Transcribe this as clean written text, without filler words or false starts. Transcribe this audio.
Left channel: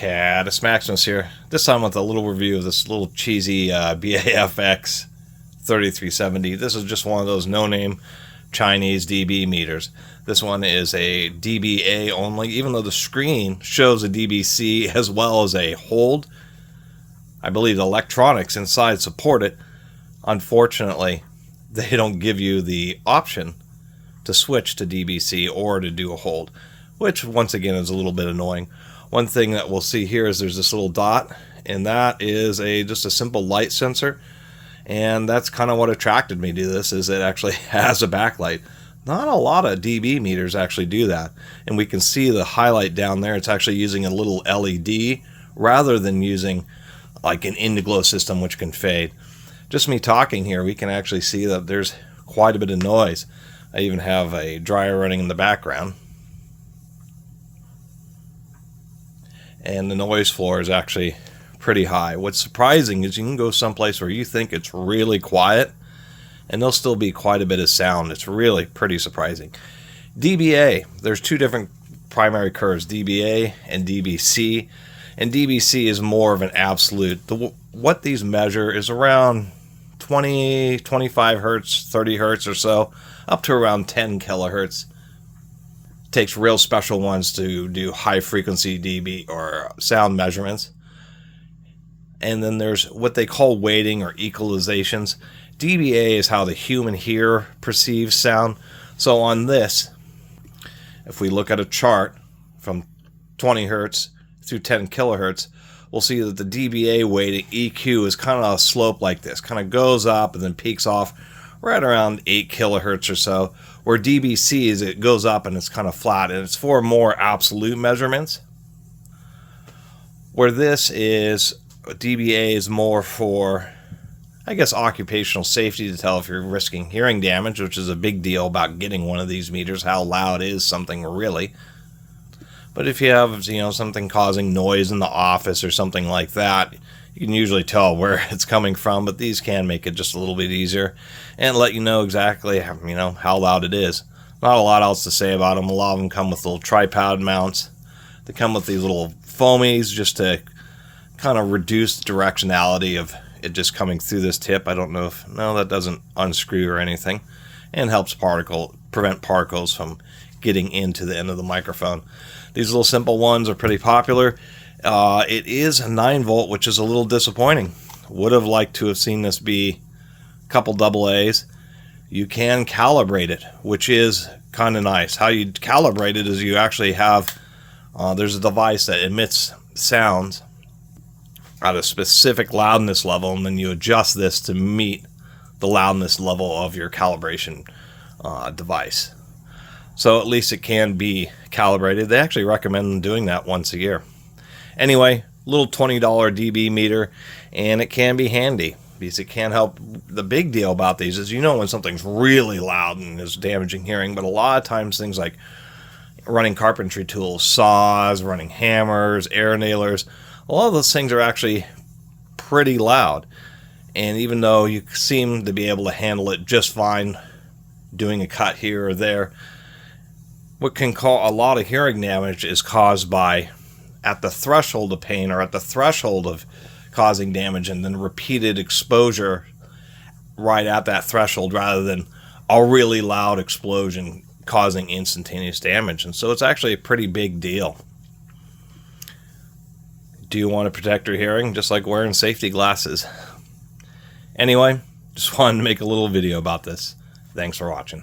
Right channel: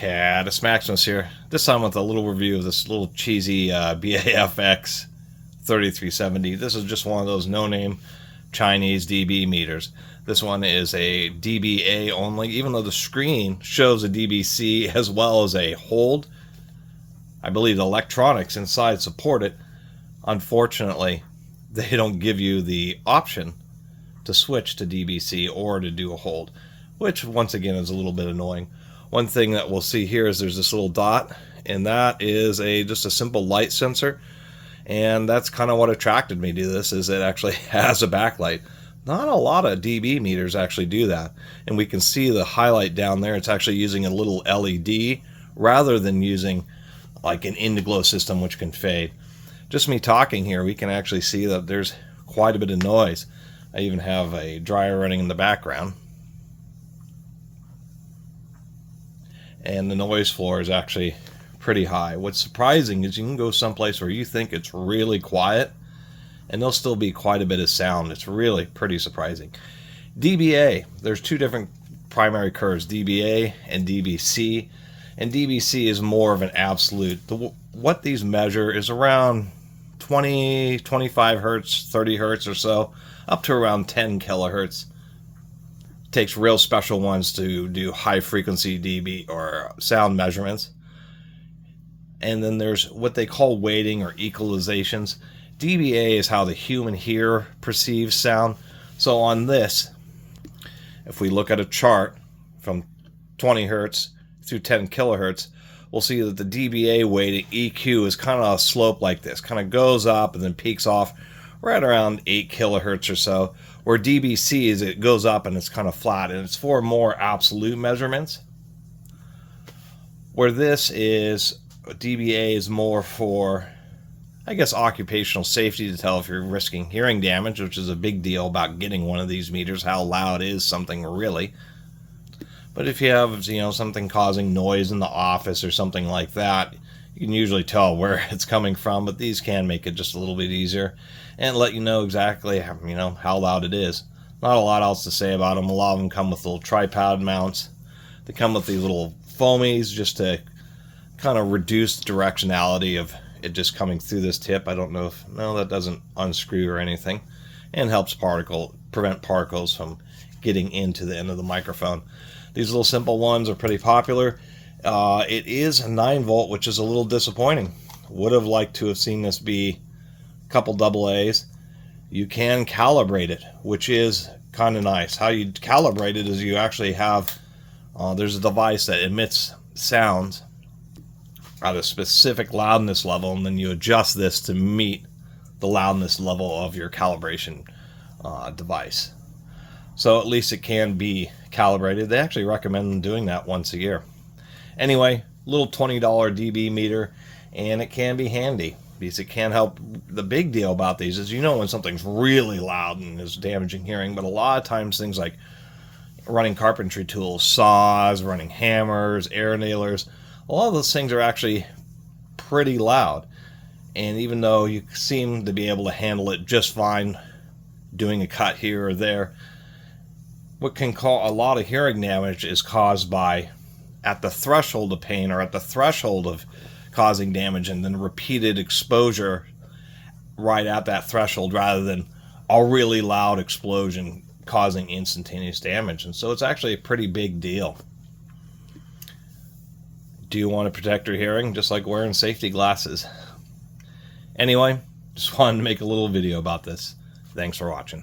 Catus Maximus here. This time with a little review of this little cheesy BAFX 3370. This is just one of those no-name Chinese dB meters. This one is a dBA only, even though the screen shows a dBc as well as a hold. I believe the electronics inside support it. Unfortunately, they don't give you the option to switch to dBc or to do a hold, which once again is a little bit annoying. One thing that we'll see here is there's this little dot, and that is just a simple light sensor, and that's kind of what attracted me to this, is it actually has a backlight. Not a lot of dB meters actually do that, and we can see the highlight down there. It's actually using a little LED rather than using like an indigo system which can fade. Just me talking here, we can actually see that there's quite a bit of noise. I even have a dryer running in the background. And the noise floor is actually pretty high. What's surprising is you can go someplace where you think it's really quiet and there'll still be quite a bit of sound. It's really pretty surprising. dBA, there's two different primary curves, dBA and dBc. And dBc is more of an absolute. What these measure is around 20, 25 hertz, 30 hertz or so, up to around 10 kilohertz. Takes real special ones to do high frequency dB or sound measurements. And then there's what they call weighting or equalizations. dBA is how the human ear perceives sound. So on this, if we look at a chart from 20 hertz through 10 kilohertz, we'll see that the dBA weighting EQ is kind of a slope like this, kind of goes up and then peaks off right around 8 kilohertz or so. Where dBc is, it goes up and it's kind of flat, and it's for more absolute measurements. Where this is, dBA is more for, I guess, occupational safety, to tell if you're risking hearing damage, which is a big deal about getting one of these meters, how loud is something really. But if you have, something causing noise in the office or something like that, you can usually tell where it's coming from, but these can make it just a little bit easier and let you know exactly, how loud it is. Not a lot else to say about them. A lot of them come with little tripod mounts. They come with these little foamies just to kind of reduce the directionality of it just coming through this tip. I don't know if, no, that doesn't unscrew or anything, and helps prevent particles from getting into the end of the microphone. These little simple ones are pretty popular. It is a 9 volt, which is a little disappointing. Would have liked to have seen this be a couple AA's. You can calibrate it, which is kind of nice. How you calibrate it is you actually have, there's a device that emits sounds at a specific loudness level, and then you adjust this to meet the loudness level of your calibration device. So at least it can be calibrated. They actually recommend doing that once a year. Anyway, little $20 dB meter, and it can be handy because it can help. The big deal about these is when something's really loud and is damaging hearing, but a lot of times things like running carpentry tools, saws, running hammers, air nailers, a lot of those things are actually pretty loud. And even though you seem to be able to handle it just fine doing a cut here or there, what can cause a lot of hearing damage is caused by at the threshold of pain or at the threshold of causing damage, and then repeated exposure right at that threshold rather than a really loud explosion causing instantaneous damage. And so it's actually a pretty big deal. Do you want to protect your hearing? Just like wearing safety glasses. Anyway, just wanted to make a little video about this. Thanks for watching.